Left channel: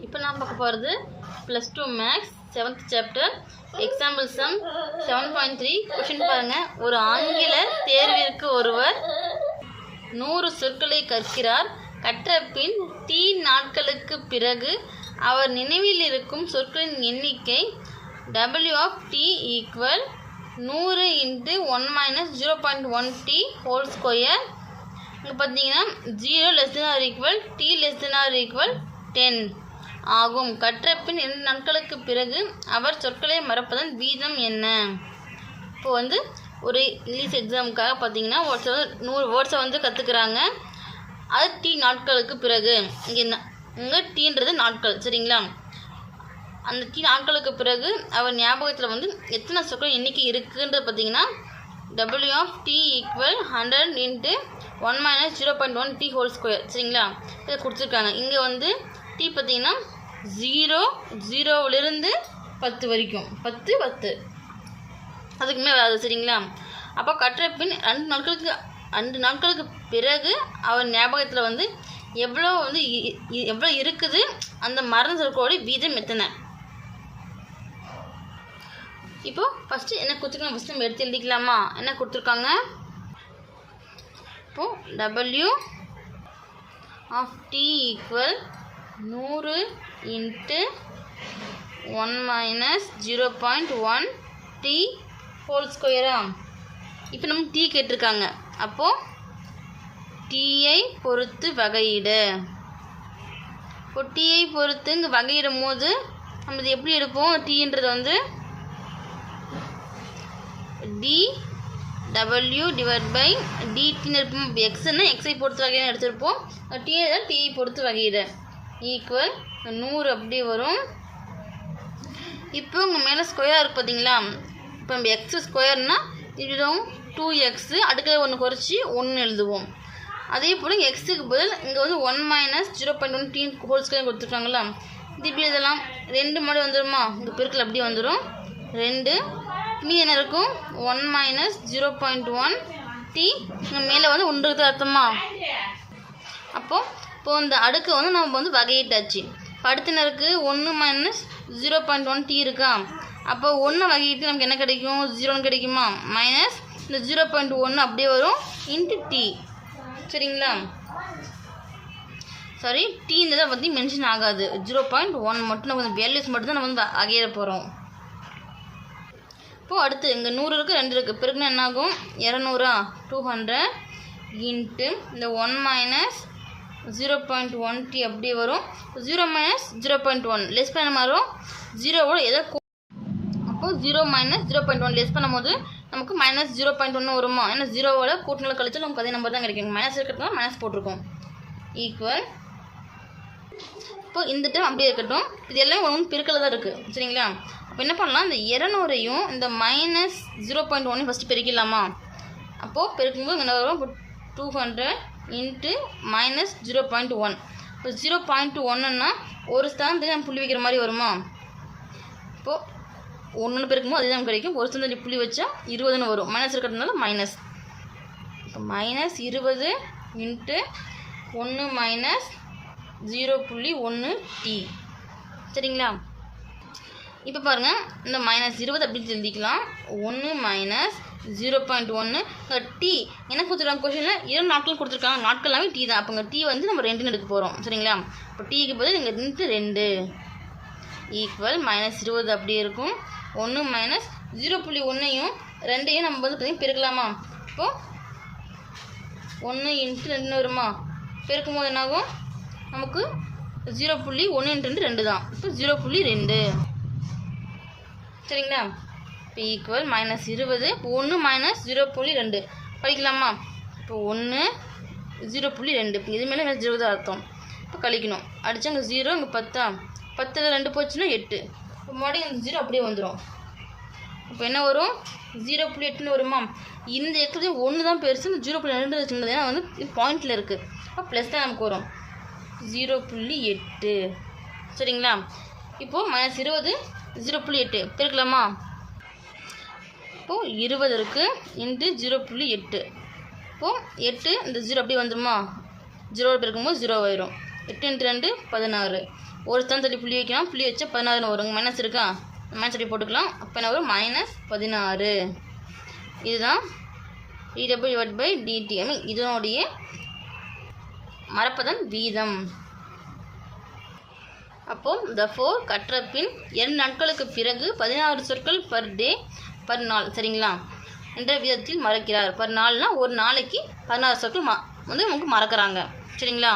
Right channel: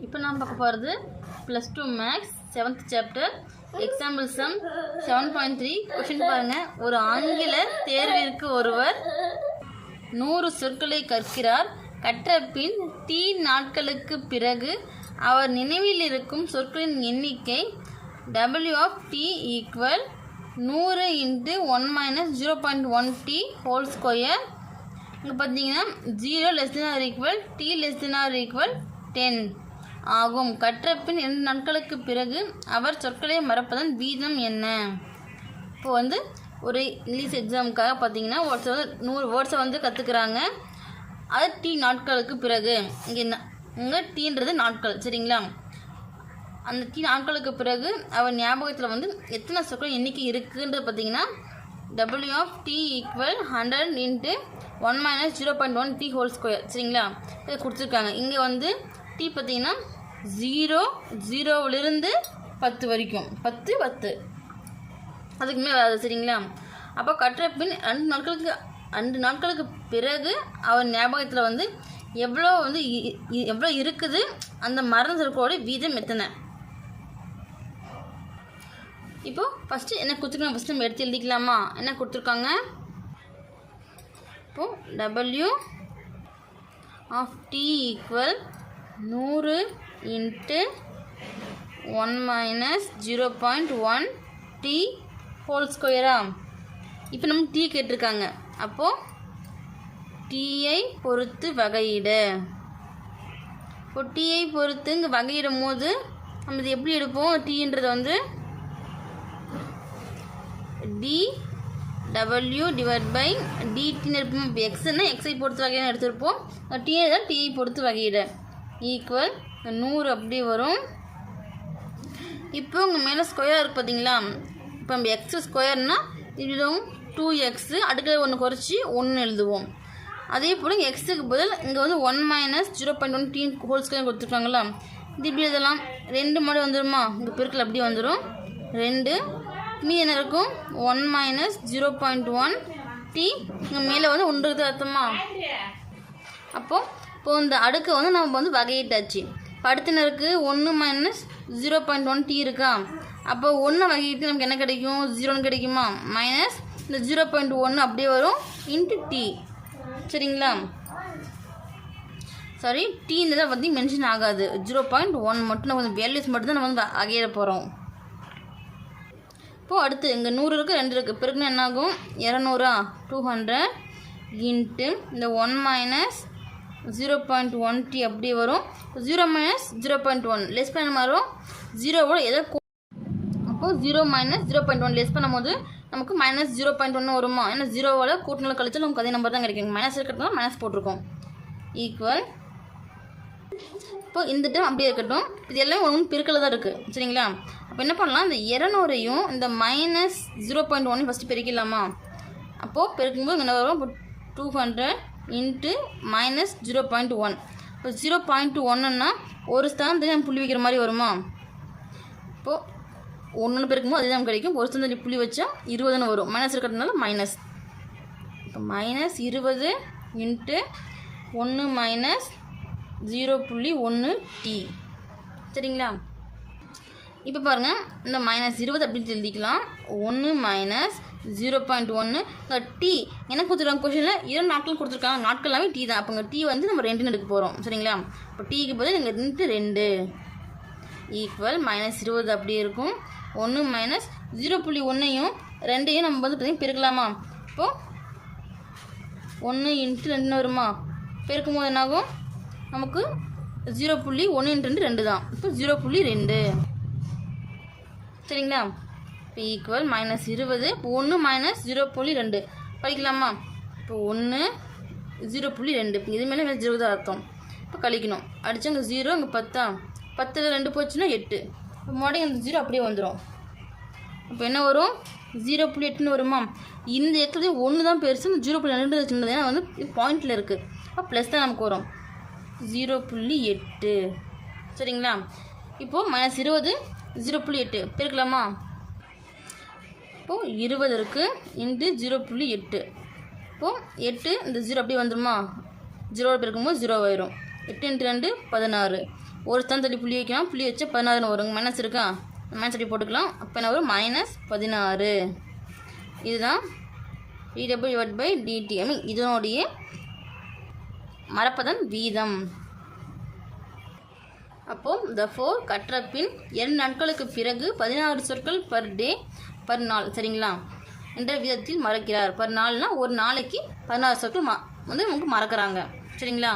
இப்போ நான் பார்க்க போகிறது plus two maths seventh chapter example sum seven point three question பாருங்கள் ஒரு ஆங்கில தேர்விற்கு ஒருவர் நூறு சொற்களை கற்கிறார். கற்ற பின் டி நாட்களுக்கு பிறகு அவர் நினைவில் இருக்கும் சொற்களின் எண்ணிக்கை டபிள்யூ ஆஃப் டி ஈக்குவல் நூறு into one minus zero point one T whole square இங்கே பார்த்தீங்கன்னா zero less than or equal T less than or equal ten ஆகும். கற்ற பின் இரண்டு நாட்களுக்கு பிறகு அவர் சொற்களை மறப்பதன் வீதம் என்ன? இப்போ வந்து ஒரு இங்கிலீஷ் எக்ஸாமுக்காக பார்த்தீங்கன்னா வேர்ட்ஸை வந்து நூறு வேர்ட்ஸை வந்து கற்றுக்குறாங்க அது டி நாட்களுக்கு பிறகு. இங்கே இங்கே டீன்றது நாட்கள் சரிங்களா? அந்த டி நாட்களுக்கு பிறகு அவர் ஞாபகத்தில் வந்து எத்தனை சொற்கள் எண்ணிக்கை இருக்குன்றது பார்த்தீங்கன்னா W of T equal hundred into one minus zero point one T whole square சரிங்களா? இதை கொடுத்துருக்காங்க. இங்கே வந்து டி பார்த்தீங்கன்னா ஜீரோ ஜீரோவிலிருந்து பத்து வரைக்கும். பத்து பத்து. அதுக்குமே மேலே வராது சரிங்களா? அப்போ கற்ற பின் ரெண்டு நாட்களுக்கு ரெண்டு நாட்களுக்கு பிறகு அவர் ஞாபகத்தில் வந்து எவ்வளோ வந்து இ- இ- எவ்வளோ இருக்குது அந்த மரண சொற்களோட வீதம் எத்தனை? இப்போது ஃபஸ்ட்டு என்ன கொடுத்துருக்காங்க? ஃபஸ்ட்டு நம்ம எடுத்து எழுதிக்கலாமா? என்ன கொடுத்துருக்காங்க? இப்போது டபிள்யூ ஆஃப் டி ஈக்குவல் நூறு into one minus zero point one T whole ஸ்கொயரா இப்போ நம்ம டீ கேட்டிருக்காங்க. அப்போது டீயை பொறுத்து வகையிடு. இப்போ டீயை பொறுத்து இங்கே வகையிடும் போது நம்ம இது எப்படி எடுப்போம்? டீன்றது வந்து டி டபிள்யூ டிவைட் பை டிடின்னு இருப்போம் இப்போ எக்ஸ்னா எக்ஸை பொறுத்து வகையான எடுத்திருப்போம். டீயை தான் டீயை பொறுத்து வகையிட. ஈக்குவல் நூறு அப்படி வரும். இப்போ உங்கள் மேலே ஸ்கொயர் இருக்குது பார்த்தீங்களா இப்போ நம்ம எக்ஸ் ஸ்கொயர்னால் இதுவும் டூ எக்ஸு அடுக்கல ஒன்று குறைச்சி ஒன்று எழுதுவோம். அதே போல் எக்ஸுக்கு பதில் இங்கே வந்து one minus zero point one dean whole square கொடுத்துருக்காங்களா இது இப்படி எழுதலாம். ரெண்டு மாடி வந்துடுமா இங்கே பெருக்கில் அப்படி வந்துடும் ரெண்டு. மீ என்ன இருக்கும்? One minus zero point one T இங்கே மேலே வந்து ஒன்று இருக்குது அர்த்தமா? அப்போது இப்போ இந்த அடுக்கு வந்து நம்ம வந்து வகையிட்டாச்சு. படுத்தினருக்கு ஒன்று minus zero point one T இருக்கா? அப்போ ஒன்று வகையிட்டு நமக்கு என்ன கிடைக்கும்? ஜீரோன்னு கிடைக்குமா? மைனஸ் இந்த ஜீரோ பாயிண்ட் ஒன்று அப்படியே வரும். இன்ட்டு டி சரிங்களா? சாரி டீன்றதை பற்றி மென்ஷன் ஆகாது. ஜீரோ பாயிண்ட் ஒன் மட்டும் நம்ம வேல்யூஸ் மட்டும் தான் நம்ம வந்து வகையிட போகிறோம் இப்போது அடுத்து இங்கே நூறு இருக்குது ரெண்டு இருக்குது பிறகு என்ன ஆகும் இரநூறா? டூ ஹண்ட்ரட் இன்ட்டு இந்த one minus zero point one T அப்படியே வரும். Zero minus zero point one less பண்ண மாறும் ஜீரோவோட எதோ அப்போது zero minus zero point one less பண்ணும்போது நமக்கு மைனஸ் ஜீரோ பாயிண்ட் ஒன்று வருமா? ஏன்னா ஜீரோவோட கூட்டினால கழிச்சு நமக்கு அதே நம்பர் தான் கிடைக்கும். மைனஸ் இருக்கிறதுனால மைனஸ் போட்டிருக்கோம். ஈக்குவல் இப்போ இந்த டைம் அப்படியே இருக்கட்டும். இது எல்லாம் ஒன்று பெருக்கல தான் இருக்குது சரிங்களா? அப்போ என்ன பண்ணலாம்? இந்த இரநூறையும் இந்த மைனஸ் ஜீரோ பாயிண்ட் ஒன்னையும் ஃபஸ்ட்டு பெருக்கிடலாமா? அப்போது பெருக்கும்போது என்ன வரும்? Two hundred into minus zero point one இப்போ ஜீரோ பாயிண்ட் ஒன்றுன்னா ஒரு ஸ்தானம் நம்ம புள்ளி வைக்கிற மாதிரி வருமா? இப்போது ஒன்று பெருக்கும்போது அதே தான் கிடைக்கும். ஒரு ஸ்தானத்தில் புள்ளி வச்சா இருபதுன்னு வரும். மைனஸ் இருக்கிறதுனால மைனஸ் இப்போ மைனஸ் இருபது இன்ட்டு ஒன்று மைனஸ் ஜீரோ புள்ளி ஒன்று டி சரிங்களா? இப்போ பாருங்கள் இந்த மைனஸ் இருபது அப்படின்னு எழுதிக்கலாம். ஒன்று மைனஸ் ஜீரோ பாயிண்ட் ஒன்று டி என்ன கொடுத்துருக்காங்க கொஷனில் இரண்டு நாட்கள் கொடுத்துருக்காங்க. நாட்கள் எல்லாமே டீ தான். அப்போ டீ வந்து நம்ம ரெண்டுன்னு எடுக்க போகிறோம் சரிங்களா? இப்போ டீக்கு பதில் இங்கே ரெண்டு ரெண்டு. ஈக்குவல் மைனஸ் இருபது அப்படியே இருக்கும். ஒன்று மைனஸ் ஜீரோ புள்ளி ஒன்றையும் ரெண்டையும் நம்ம வந்து பார்த்தீங்கன்னா பெருக்கலாமா? இப்போது ஒன்று இன்ட்டு ரெண்டுன்னு வருமா? பெருக்கும் போது என்னாகும்? நமக்கு ஜீரோ புள்ளி ஒன்று இன்ட்டு ரெண்டு ரெண்டு தான். இப்போ ஜீரோ புள்ளி ரெண்டு. சரிங்களா? இப்போ ஈக்குவல் மைனஸ் இருபது. ஒன்று மைனஸ் ஜீரோ புள்ளி ரெண்டு. படிக்கலாமா? இப்போ ஒன்று ஜீரோ புள்ளி ரெண்டு. இப்போ இது மேலே ஜீரோ தான் அர்த்தம். இப்போ கழிக்கணும். அடித்தா அங்கே ஜீரோ இங்கே பத்தா? பத்தில் ரெண்டு போச்சுன்னா எட்டு. இப்போ மறுபடியும் இந்த ஜீரோ அப்படியே வந்துடும் இப்போ என்ன வரும்? ஜீரோ புள்ளி எட்டுன்னு வருமா? இந்த இடத்துல ஒன்று தான் பெருசு. இந்த ஜீரோ புள்ளி ரெண்டு சின்னது. ஏன்னா வந்து இது பாயிண்டில் இருக்குது அப்போ ப்ளஸ் தான் நமக்கு வரும். ஜீரோ புள்ளி எட்டு. சரிங்களா? இப்போது மைனஸ் இருபது ஜீரோ புள்ளி எட்டு. பெருக்கலாமா? இப்போது இருபது இருக்குது இன்ட்டு ஜீரோ புள்ளி எட்டு. இப்போது எட்டு இந்த ஜீரோ அப்படியே வந்துடுமா ஜீரோ பெருக்கும்போது ஜீரோ ஆயிரும். எட்டு இன்ட்டு ரெண்டு பதினாறு. ஒரு ஸ்தான் தள்ளி புள்ளி வைக்கலாம். புள்ளி வச்சா பதினாறுன்னு வரும். மைனஸ் இருக்கா? மைனஸ் அடி போட்டுக்கலாம். அப்போ என்ன வரும்? மைனஸ் பதினாறு. இதுதான் D W divide by D T I mean இதனுடைய மரப்பதன் வீதம். அப்போ த ஃபோர் கற்ற பின் இரண்டு நாட்களுக்கு பிறகு பதினாறு சொற்கள் பர் டே பர் நாள் சரிங்களா? என்ற விதத்தில் மறக்கிறார். பர் நாள்னால் ஒரு நாளைக்கு பதினாறு சொற்கள் ம வந்து உங்களுக்கு மறக்கிறாங்க. சரிங்களா?